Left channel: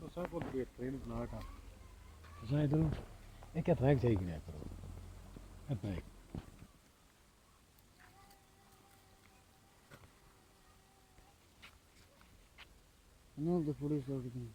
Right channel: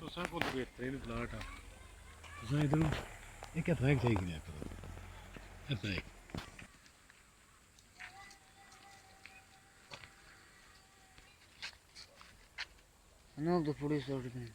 तुसें कोल बेहतरीन प्लाट आ तुसें इधर एक हत्थ चाहिए करो हत्थ No, the police are again.